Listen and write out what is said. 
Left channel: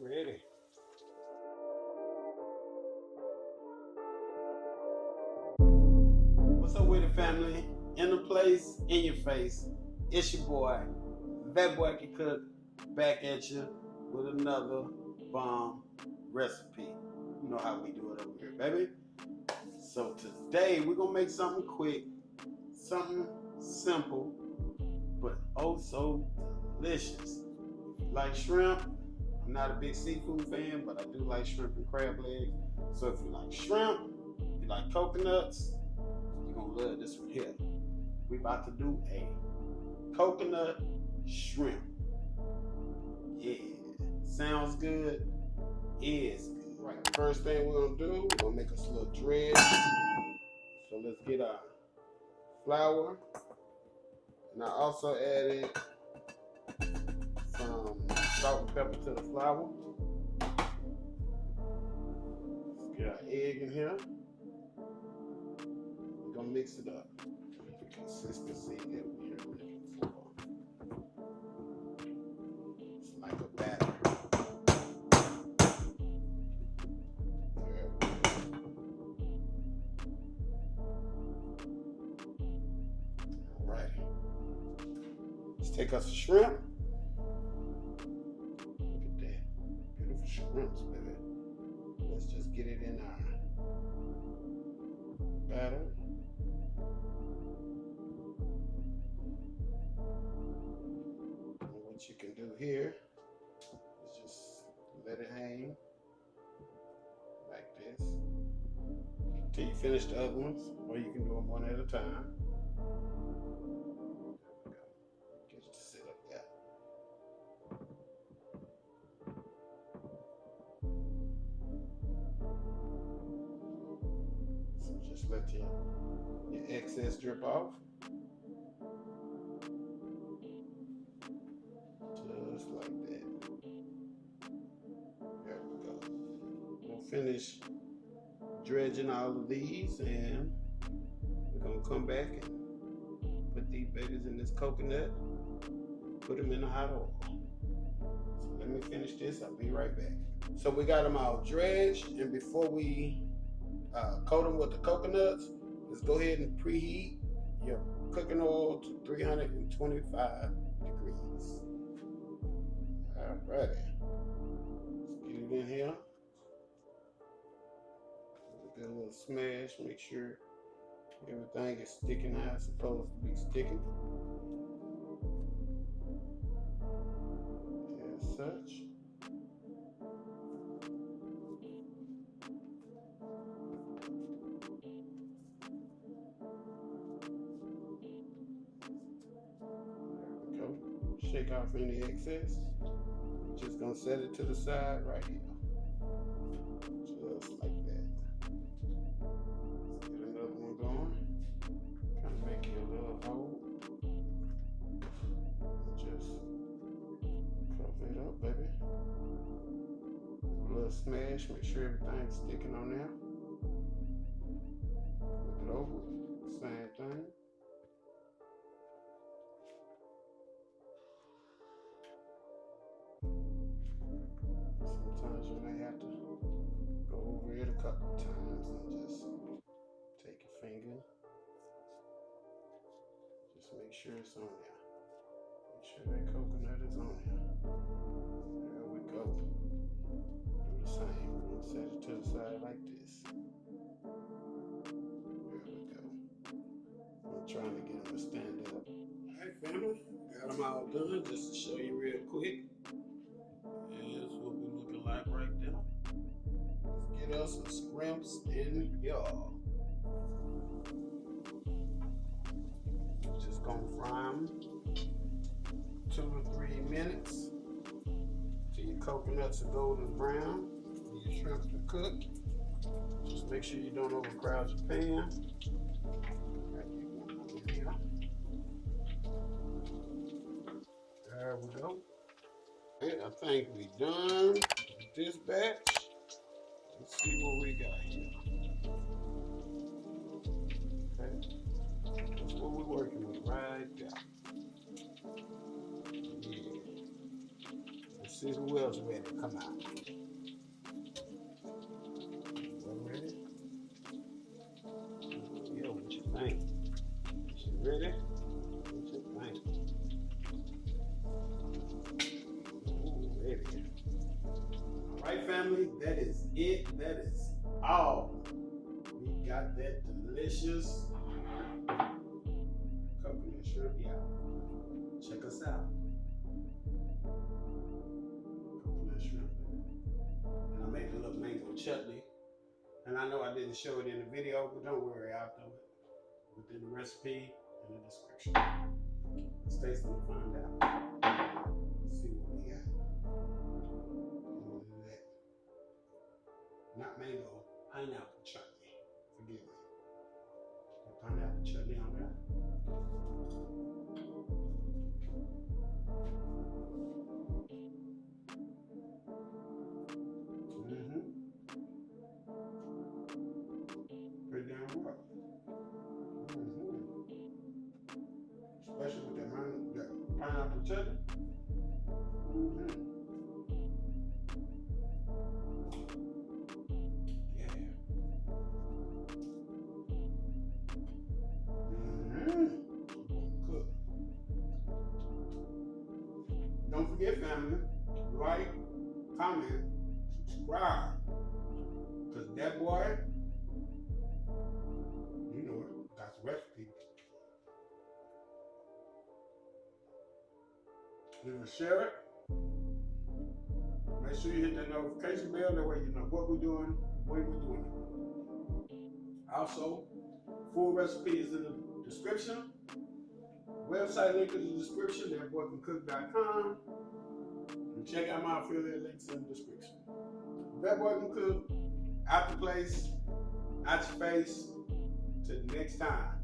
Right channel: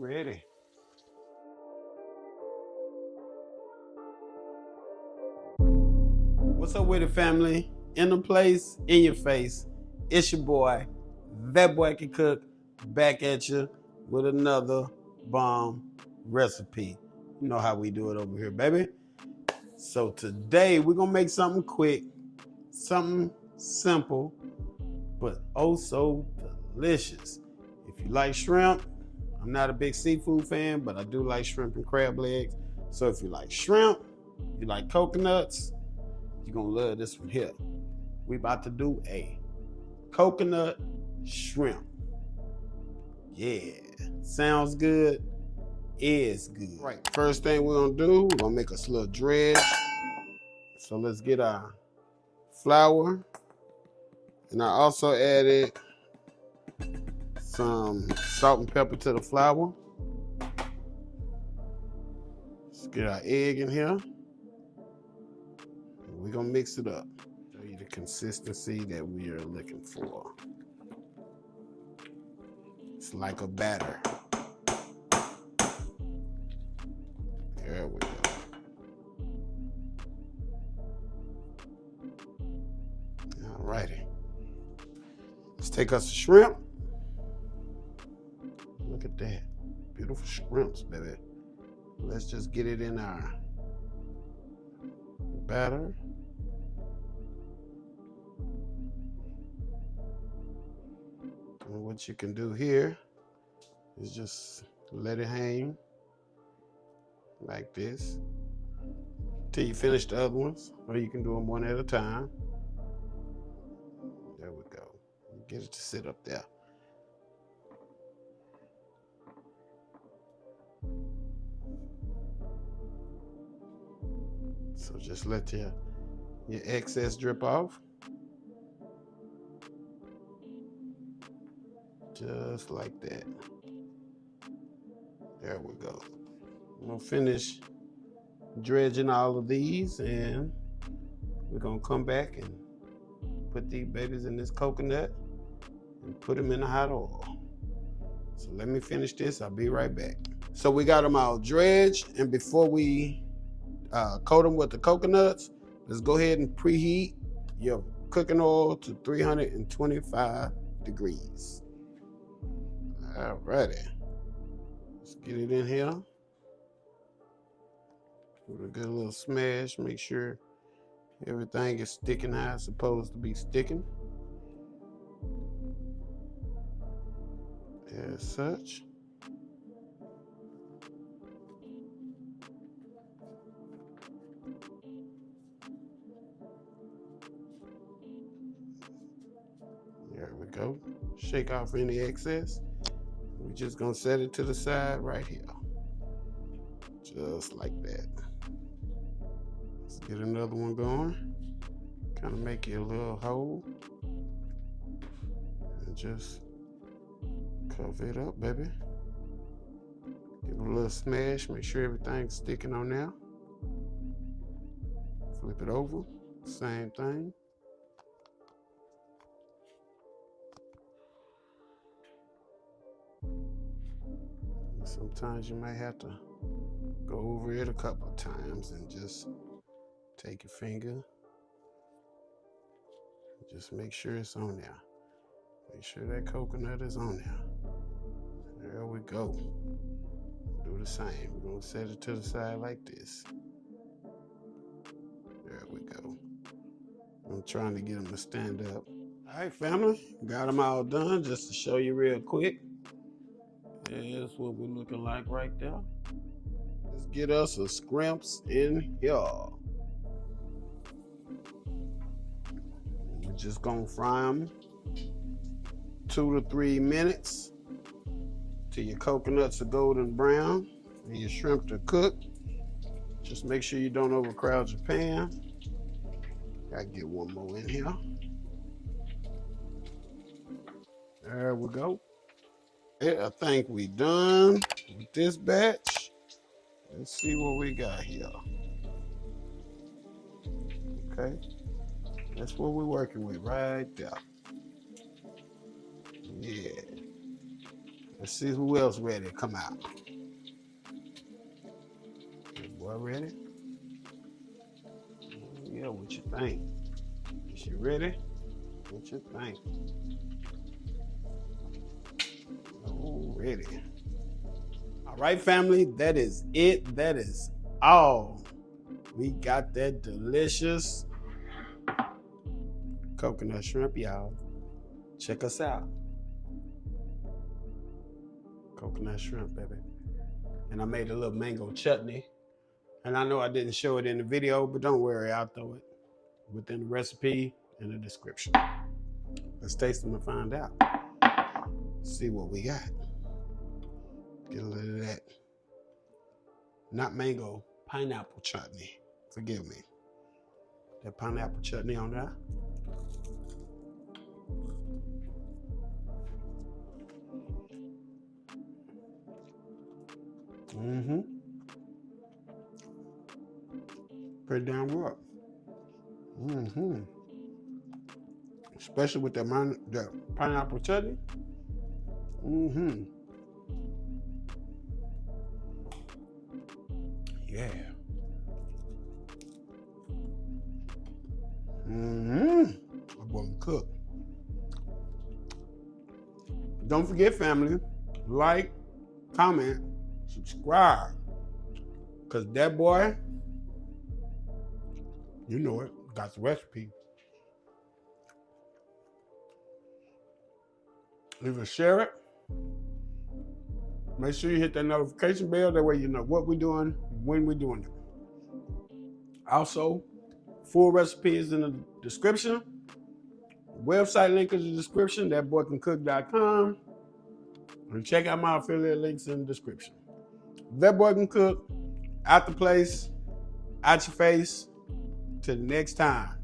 Ready. What's up with it, family? In the place, in your face. It's your boy, That Boy Can Cook, back at you with another bomb recipe. You know how we do it over here, baby. So today we're gonna make something quick, something simple, but oh so delicious. If you like shrimp, I'm not a big seafood fan, but I do like shrimp and crab legs. So if you like shrimp, you like coconuts, you're gonna love this one here. We about to do a coconut shrimp. Yeah, sounds good, is good. Right, first thing we're gonna do, we're gonna make us a little dredge. So let's get our flour. And I also added some salt and pepper to the flour. Let's get our egg in here. We're gonna mix it up. Show you the consistency that we are looking for. It's like a batter. There we go. Alrighty. Let's take us a shrimp. Look at that. Beautiful shrimps, baby. Let's just get it in our batter. And what you can do here is just let it hang like this till you finish the other ones, or you can do them one at a time. There we go. Get it to sit up there. So just let your excess drip off. Just like that. There we go. We'll finish dredging all of these, and we're gonna come back and put these babies in this coconut and put them in the hot oil. So let me finish this. I'll be right back. So we got them all dredged, and before we coat them with the coconuts, let's go ahead and preheat your cooking oil to 325 degrees. Alrighty. Let's get it in here. Give it a good little smash. Make sure everything is sticking how it's supposed to be sticking. As such. There we go. Shake off any excess. We're just gonna set it to the side right here. Just like that. Let's get another one going. Kind of make it a little hole. And just cover it up, baby. Give it a little smash. Make sure everything's sticking on there. Flip it over. Same thing. Sometimes you might have to go over it a couple of times and just take your finger. Just make sure it's on there. Make sure that coconut is on there. There we go. Do the same. We're gonna set it to the side like this. There we go. I'm trying to get them to stand up. All right, family. Got them all done. Just to show you real quick. Here's what we're looking like right there. Let's get us some scrimps in here. We're just gonna fry them 2 to 3 minutes till your coconuts are golden brown and your shrimp to cook. Just make sure you don't overcrowd your pan. Gotta get one more in here. There we go. I think we done with this batch. Let's see what we got here. Okay, that's what we're working with right there. Yeah, Let's see who else ready to come out. Boy, ready? Yeah, what you think? Is she ready? What you think? Oh, ready. All right, family, that is it. That is all. We got that delicious coconut shrimp, y'all. Check us out. Coconut shrimp, baby. And I made a little mango chutney. And I know I didn't show it in the video, but don't worry, I'll throw it within the recipe in the description. Let's taste them and find out. See what we got. Get a little of that. Not mango, pineapple chutney. Forgive me. That pineapple chutney on there. Mm-hmm. Pretty damn good. Mm-hmm. Especially with the pineapple chutney. Mm-hmm. Yeah. Mm-hmm. I'm gonna cook. Don't forget, family, like, comment, subscribe. Cause that boy, you know it, got the recipe. Either share it. Make sure you hit that notification bell. That way you know what we're doing, when we're doing it. Also, full recipe is in the description. Website link is in the description, thatboycancook.com. And check out my affiliate links in the description. That Boy Can Cook, out the place, out your face. Till next time.